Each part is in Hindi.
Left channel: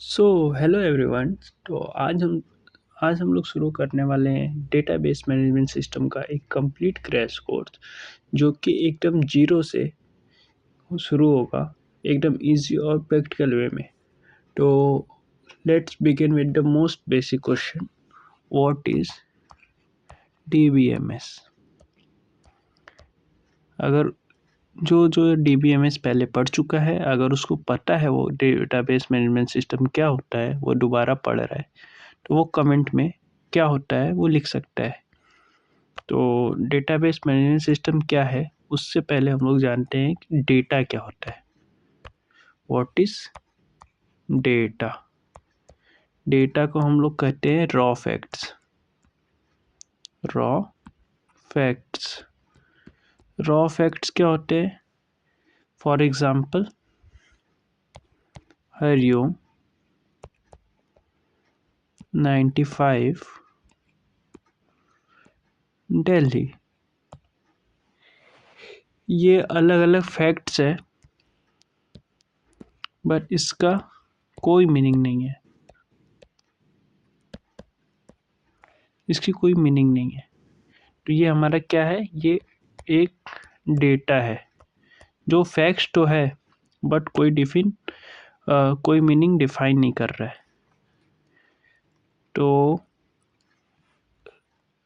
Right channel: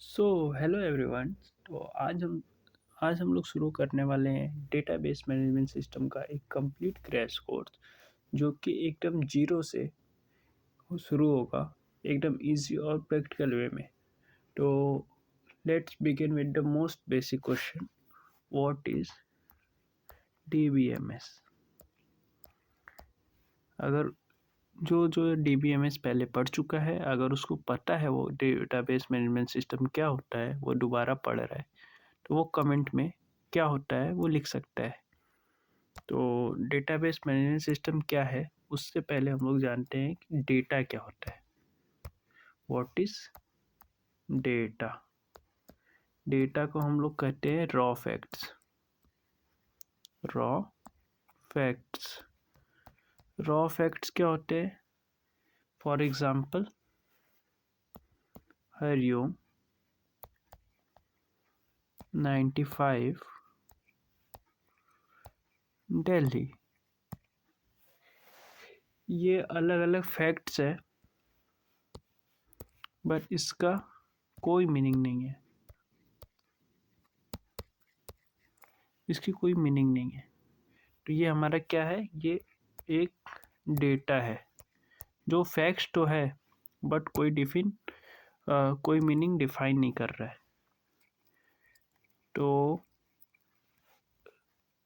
So hello everyone. तो आज हम लोग शुरू करने वाले हैं डेटाबेस मैनेजमेंट सिस्टम का एक कंप्लीट क्रैश कोर्स, जो कि एकदम जीरो से शुरू होगा, एकदम इजी और प्रैक्टिकल वे में। तो let's begin with the most basic question, what is DBMS. अगर जो जो डीबीएमएस पहले पढ़ चुका है, अगर उसको पता है वो डेटाबेस मैनेजमेंट सिस्टम क्या होता है, वो दोबारा पढ़ रहा है, तो वो कमेंट में क्या होता है वो लिख सकता है। तो डेटाबेस मैनेजमेंट सिस्टम क्या है, उससे पहले हम लोग जानते हैं कि डेटा क्या होता है। What is data. डेटा को हम लोग कहते हैं raw facts. Raw facts. Raw facts क्या होते हैं? For example, Hariom 95 Delhi. ये अलग अलग फैक्ट्स है, बट इसका कोई मीनिंग नहीं है। इसकी कोई मीनिंग नहीं है। तो ये हमारा क्या है? ये एक डेटा है जो फैक्ट्स तो है, बट कोई मीनिंग डिफाइन नहीं कर रहा है। तो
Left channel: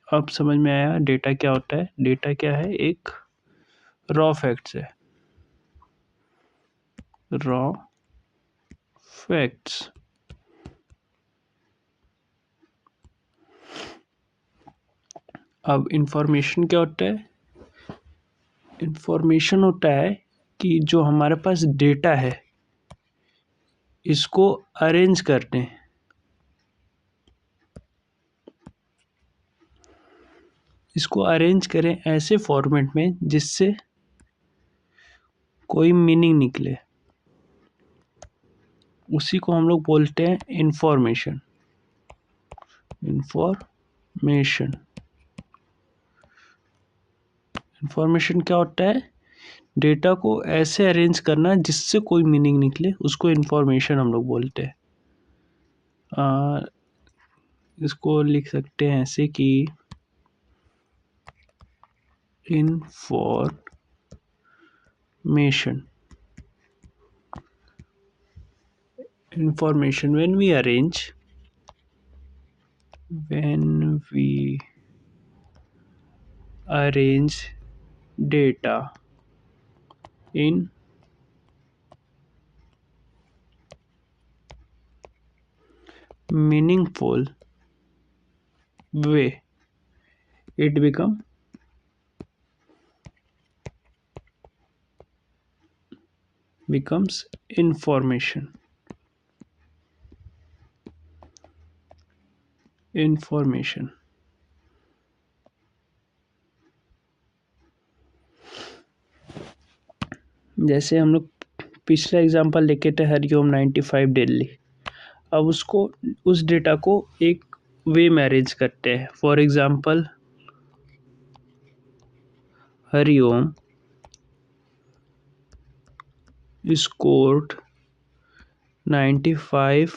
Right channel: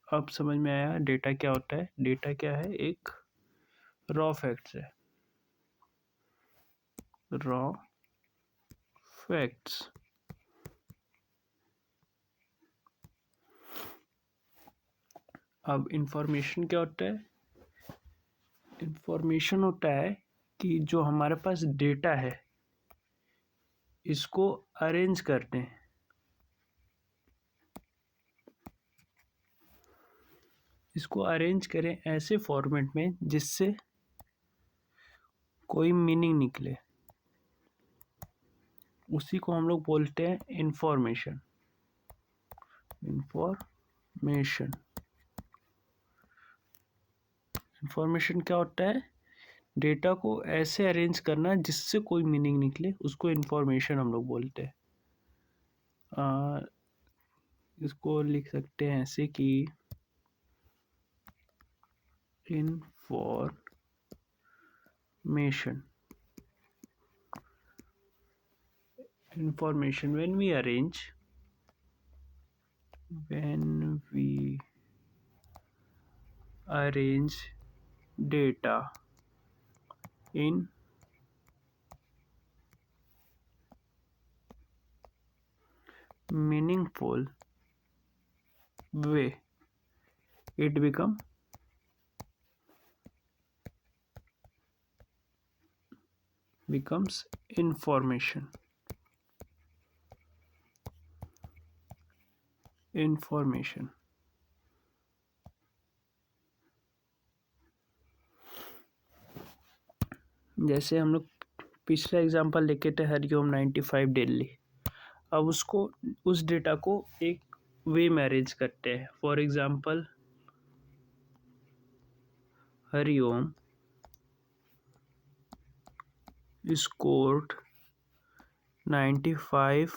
अब समझ में आया डेटा क्या होता है। डेटा क्या है? एक रॉ फैक्ट्स है। Raw facts. अब इंफॉर्मेशन क्या होता है? इंफॉर्मेशन होता है कि जो हमारे पास डेटा है, इसको अरेंज करते हैं। इसको अरेंज करें ऐसे फॉर्मेट में जिससे कोई मीनिंग निकले, उसी को हम लोग बोलते हैं इंफॉर्मेशन। इंफॉर्मेशन। इंफॉर्मेशन क्या होता है? डेटा को ऐसे अरेंज करना जिससे कोई मीनिंग निकले, उसको इंफॉर्मेशन हम लोग बोलते हैं। इसको लिख सकते हैं ऐसे कि information. Information when we arrange data in meaningful way, it becomes information। Information. जैसे हम लोग पिछला एग्जांपल लेके थे, हरिओम 95 दिल्ली। अब उस डेटा को एक वे में अरेंज करते हैं। For example, Hariom scored 95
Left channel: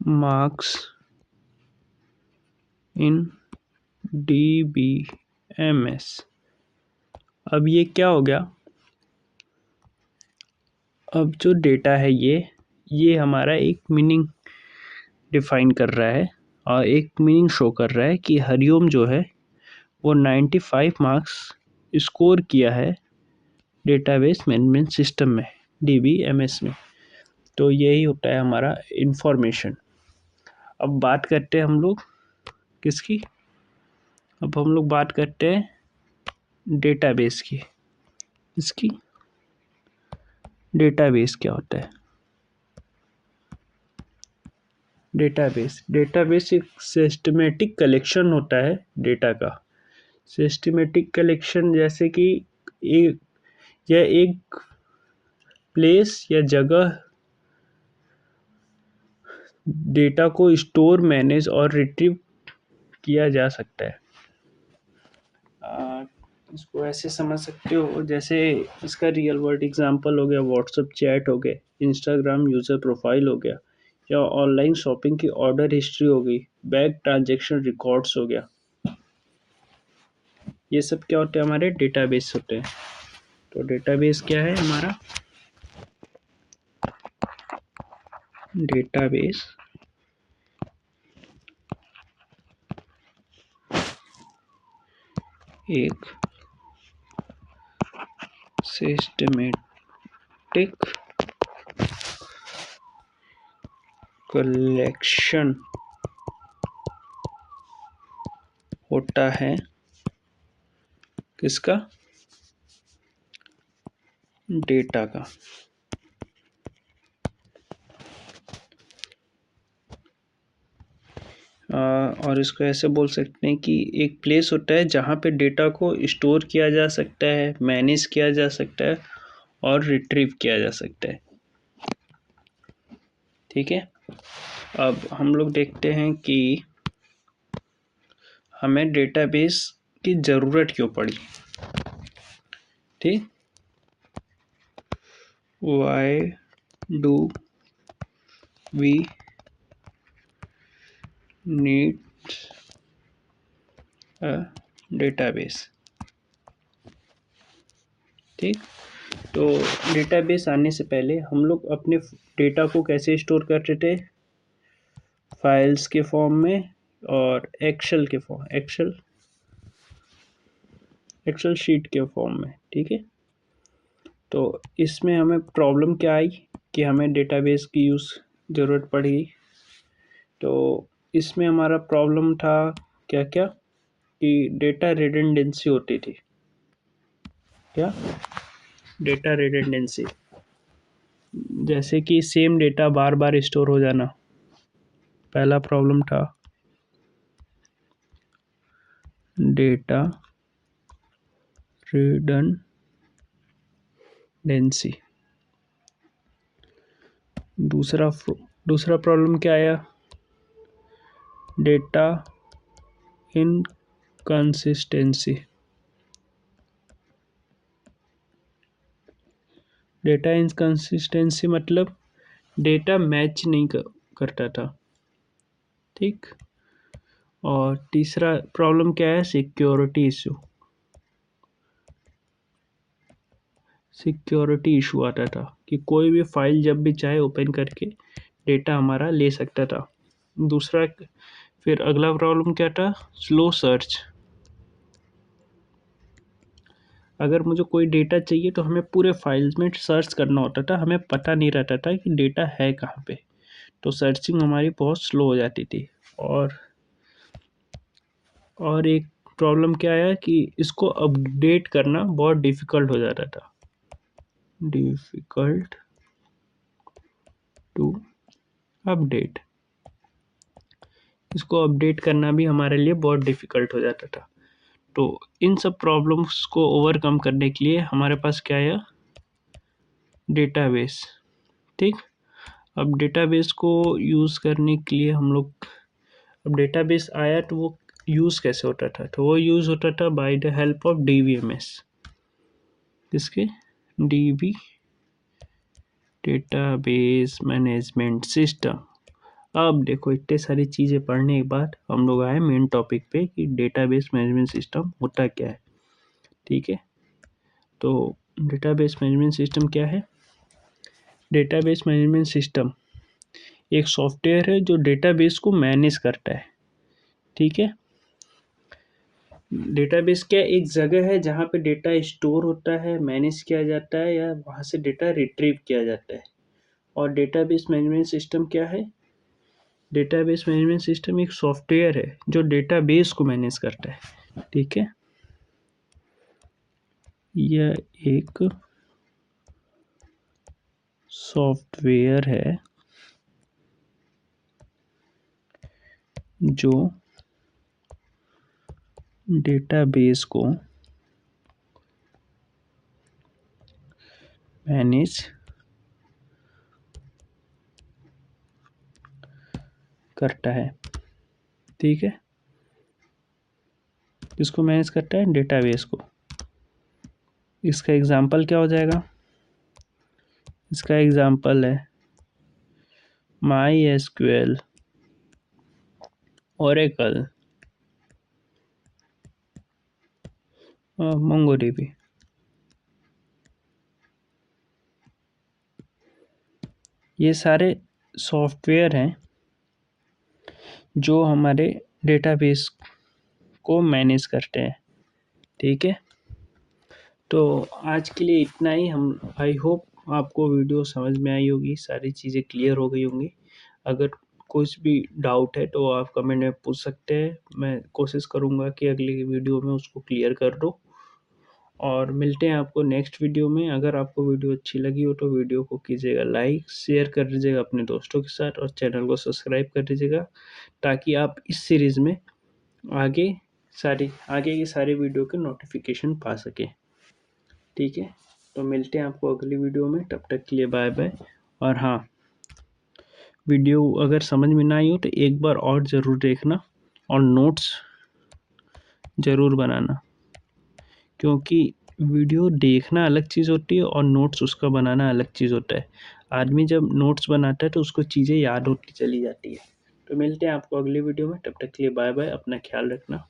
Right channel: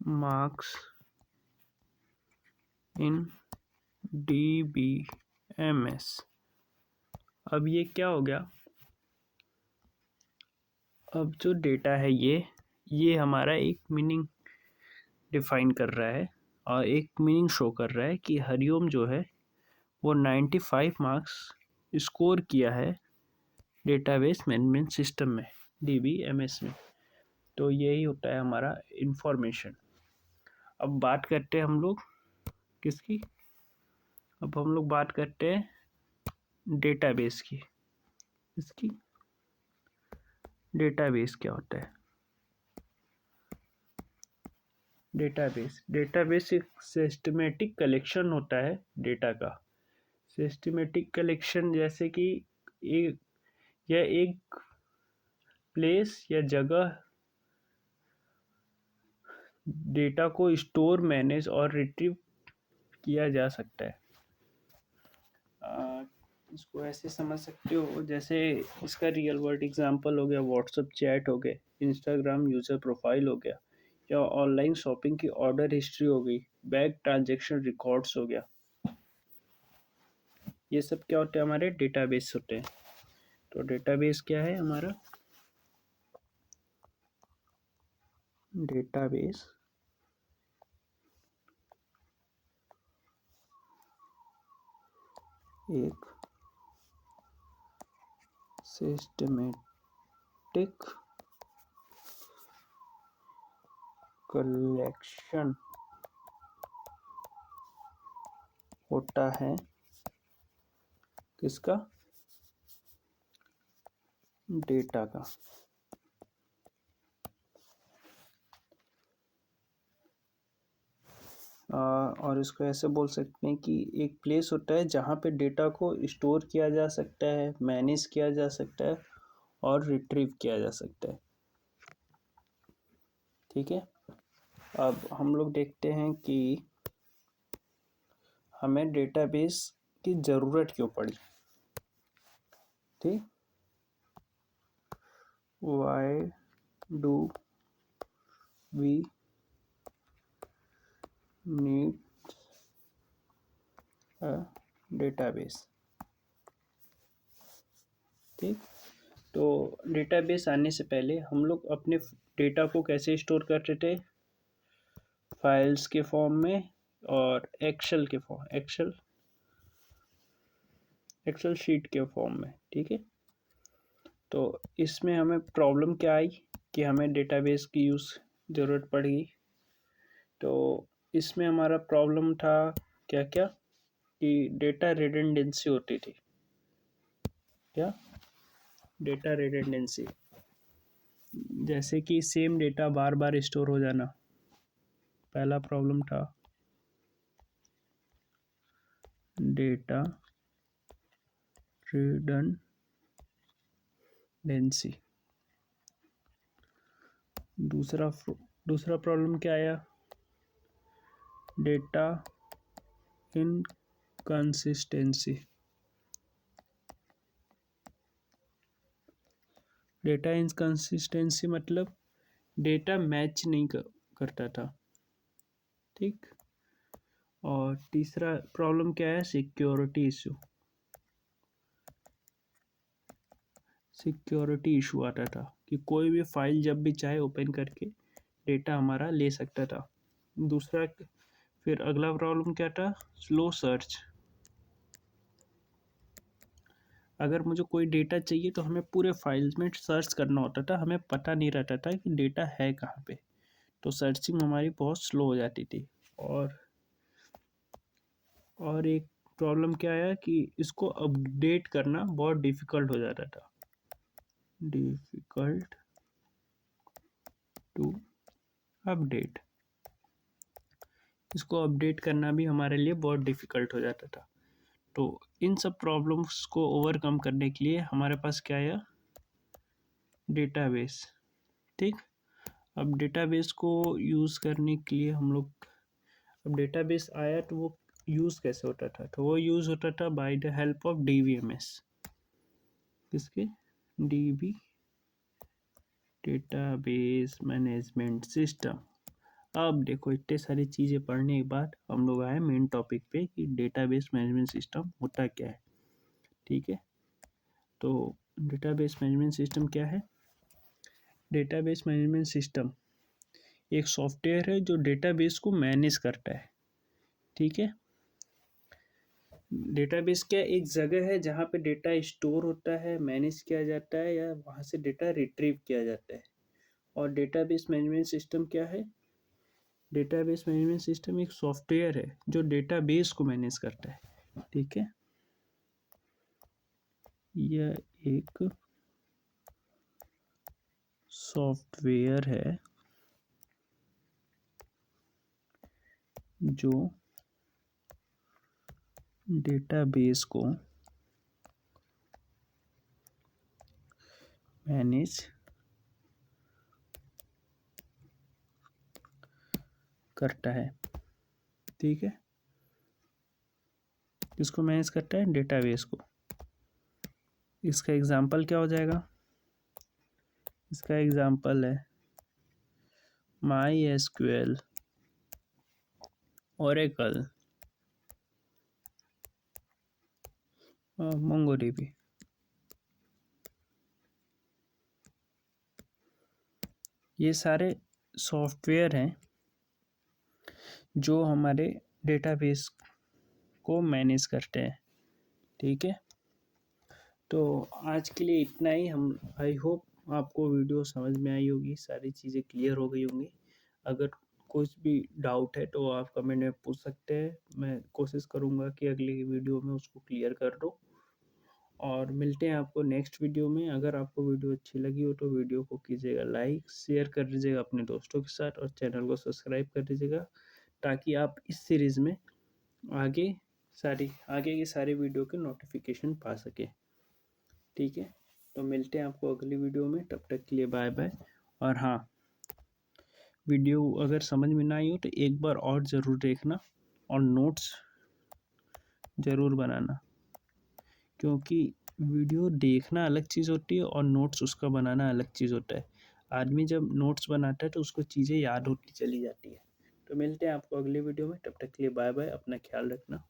marks in DBMS। अब ये क्या हो गया? अब जो डेटा है ये हमारा एक मीनिंग डिफाइन कर रहा है और एक मीनिंग शो कर रहा है कि हरिओम जो है वो 95 मार्क्स स्कोर किया है डेटाबेस मैनेजमेंट सिस्टम में, डीबीएमएस में। तो यही होता है हमारा इंफॉर्मेशन। अब बात करते हैं हम लोग किसकी? अब हम लोग बात करते हैं डेटाबेस की। इसकी डेटाबेस क्या होता है? डेटाबेस एक सिस्टमेटिक कलेक्शन होता है डेटा का। सिस्टमेटिक कलेक्शन जैसे कि एक यह एक प्लेस या जगह डेटा को स्टोर, मैनेज और रिट्रीव किया जा सकता है। इसको ऐसे समझ सकते हो, जैसे इसका रियल वर्ल्ड एग्जांपल हो गया व्हाट्सएप चैट हो गया, इंस्टाग्राम यूज़र प्रोफाइल हो गया, या ऑनलाइन शॉपिंग की ऑर्डर हिस्ट्री हो गई, बैंक ट्रांजैक्शन रिकॉर्ड्स हो गया। ये सब क्या होते हैं? हमारे डेटाबेस होते हैं। तो डेटाबेस क्या है हमारा? डेटाबेस एक सिस्टमेटिक कलेक्शन होता है किसका? डेटा का। और इसको ऐसे बोल सकते हैं कि एक प्लेस होता है जहाँ पे डेटा को स्टोर किया जा सकता है, मैनेज किया जा सकता है और रिट्रीव किया जा सकता है। ठीक है, अब हम लोग देखते हैं कि हमें डेटाबेस की ज़रूरत क्यों पड़ी। ठीक, why do we need a database. ठीक, तो डेटाबेस आने से पहले हम लोग अपने डेटा को कैसे स्टोर करते थे? फाइल्स के फॉर्म में और एक्सेल शीट के फॉर्म में। ठीक है, तो इसमें हमें प्रॉब्लम क्या आई कि हमें डेटाबेस की ज़रूरत पड़ी। तो इसमें हमारा प्रॉब्लम था क्या क्या कि डेटा रिडंडेंसी होती थी। क्या? डेटा रिडंडेंसी, जैसे कि सेम डेटा बार बार स्टोर हो जाना, पहला प्रॉब्लम था डेटा रिडंडेंसी। दूसरा प्रॉब्लम क्या आया? Data inconsistency. डेटा इनकंसिस्टेंसी मतलब डेटा मैच नहीं करता था। ठीक, और तीसरा प्रॉब्लम क्या है? सिक्योरिटी इशू आता था कि कोई भी फाइल जब भी चाहे ओपन करके डेटा हमारा ले सकता था। दूसरा, फिर अगला प्रॉब्लम क्या था? Slow search. अगर मुझे कोई डेटा चाहिए तो हमें पूरे फाइल्स में सर्च करना होता था, हमें पता नहीं रहता था कि डेटा है कहाँ पे, तो सर्चिंग हमारी बहुत स्लो हो जाती थी। और एक प्रॉब्लम क्या आया कि इसको अपडेट करना बहुत डिफ़िकल्ट हो जाता था। डिफ़िकल्ट टू अपडेट, इसको अपडेट करना भी हमारे लिए बहुत डिफ़िकल्ट हो जाता था। तो इन सब प्रॉब्लम्स को ओवरकम करने के लिए हमारे पास क्या आया? डेटाबेस। ठीक, अब डेटाबेस को यूज़ करने के लिए हम लोग, अब डेटाबेस आया तो वो यूज़ कैसे होता था? तो वो यूज़ होता था by the help of DBMS। किसके? DB, database management system. अब देखो, इतने सारी चीज़ें पढ़ने के बाद हम लोग आए मेन टॉपिक पे कि डेटाबेस मैनेजमेंट सिस्टम होता क्या है। ठीक है, तो डेटाबेस मैनेजमेंट सिस्टम क्या है? डेटाबेस मैनेजमेंट सिस्टम एक सॉफ्टवेयर है जो डेटाबेस को मैनेज करता है। ठीक है, डेटाबेस क्या एक जगह है जहाँ पे डेटा स्टोर होता है, मैनेज किया जाता है, या वहाँ से डेटा रिट्रीव किया जाता है। और डेटाबेस मैनेजमेंट सिस्टम क्या है? डेटाबेस मैनेजमेंट सिस्टम एक सॉफ्टवेयर है जो डेटाबेस को मैनेज करता है। ठीक है, यह एक सॉफ्टवेयर है जो डेटाबेस को मैनेज करता है। ठीक है, किसको मैनेज करता है? डेटाबेस को। इसका एग्जाम्पल क्या हो जाएगा? इसका एग्जाम्पल है माई एसक्यूएल, ओरेकल, मोंगोडीबी। ये सारे सॉफ्टवेयर हैं जो हमारे डेटाबेस को मैनेज करते हैं। ठीक है, तो आज के लिए इतना ही। हम आई होप आपको वीडियो समझ में आई होगी, सारी चीज़ें क्लियर हो गई होंगी। अगर कुछ भी डाउट है तो आप कमेंट में पूछ सकते हैं, मैं कोशिश करूँगा कि अगली वीडियो में उसको क्लियर कर दूँ। और मिलते हैं आपको नेक्स्ट वीडियो में। अगर आपको वीडियो अच्छी लगी हो तो वीडियो को कीजिएगा लाइक, शेयर कर दीजिएगा अपने दोस्तों के साथ और चैनल को सब्सक्राइब कर दीजिएगा, ताकि आप इस सीरीज़ में आगे आगे की सारी वीडियो के नोटिफिकेशन पा सकें। ठीक है, तो मिलते हैं आपको अगली वीडियो में। तब तक के लिए बाय बाय। और हाँ, वीडियो अगर समझ में ना आई हो तो एक बार और ज़रूर देखना और नोट्स ज़रूर बनाना, क्योंकि वीडियो देखना अलग चीज़ होती है और नोट्स उसका बनाना अलग चीज़ होता है। आदमी जब नोट्स बनाता है तो उसको चीज़ें याद होती चली जाती है। तो मिलते हैं आपको अगली वीडियो में, तब तक के लिए बाय बाय, अपना ख्याल रखना।